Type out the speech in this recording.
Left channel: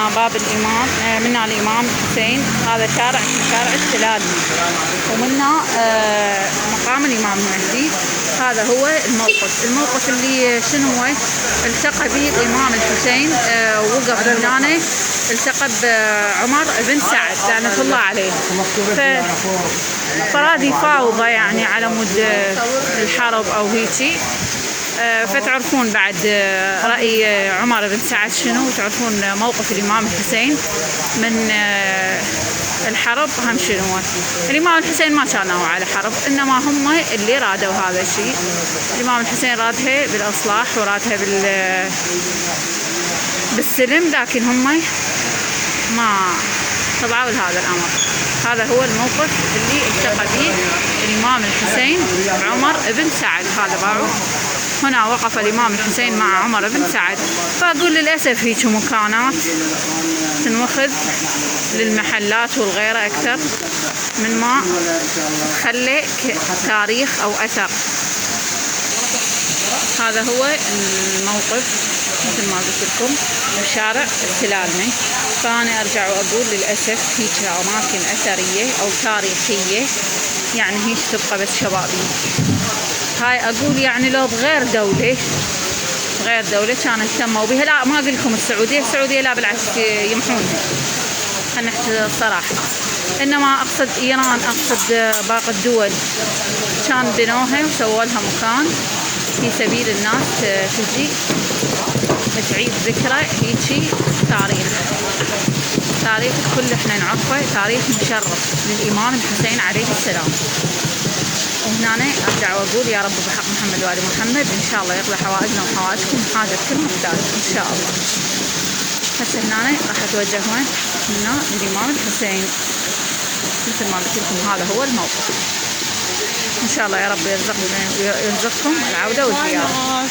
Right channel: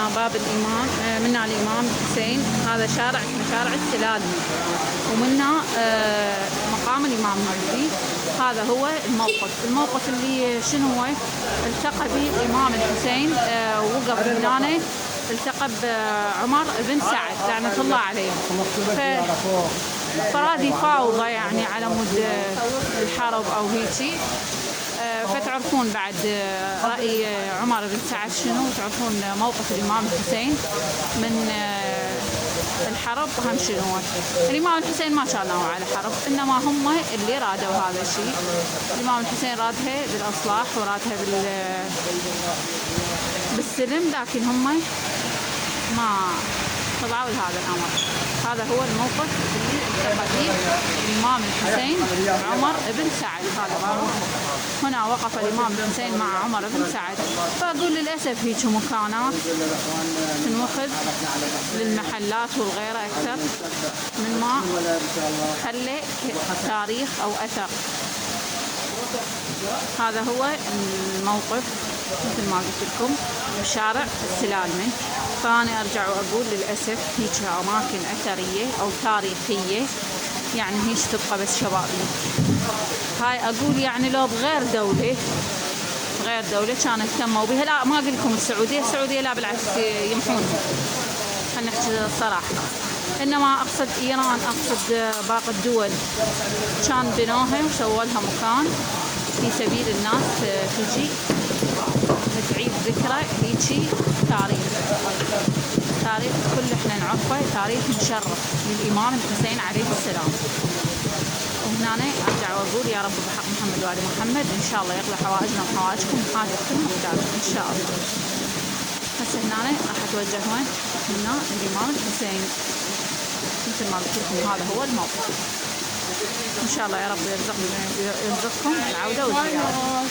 منا باب الإمام، منا الإمام الحسين. هذا شارع السلال، ومنا مقام الإمام المهدي. هذا هو الموقف اللي شنو هو التقى به الإمام الحسين، وقف هنا التقى بعمر بن سعد لعنة الله عليه. فراد يفاوضه يعني على مود الحرب أو هيجي. فتعرفون بعد رأي عمر بن سعد شنو، وتعرفون موقف الإمام الحسين من الحرب هم شنو. الإمام الحسين ما كانوا على حرب، إنما هم اللي رادوا هذا الشيء. الإمام الحسين رادها بالإصلاح ورادها بالسلم، لكن هم ما طبعوا لهذا الأمر. هذا هو الموقف اللي التقى به الإمام الحسين بعمر بن سعد. هذا باعوا هنا وقف الإمام الحسين مع عمر بن سعد. فأقول للأسف هيك مكانات تنوخذ للمحلات والغيرة أكثر من ما تخلي تاريخ أو أثر. هذا هو الموقف مثل ما قلت لكم بشارع السلالمي. فأنا أرجع وأقول للأسف هيك أماكن أثرية أو تاريخية يعني هيك تبقى بس شبابيك. هاي أقول يعني لو بغير دولة كانوا اهتموا بها. لا ما أقول لكم السعودية لا بالعكس يمحونها، خلينا نحكي الصراحة. إنما أقصد إيران، أقصد باقي الدول كان بنوها وسووا لها مكان في سبيل الناس تجي تعيد ذكرى هيجي تاريخ كل احنا نعرفه، تاريخ مشرف للإمام الحسين عليه السلام. وهنا أرجع وأقول يا رب بحق محمد وآل محمد إن شاء الله يقضي حوائجنا وحوائجكم وحاجة كل محتاج إن شاء الله. هسه هنا راح أتوجه وين؟ هنا للإمام الحسين مثل ما قلت لكم. هذا هو الموقف. إن شاء الله يا رب يرزقكم العودة والزيارة.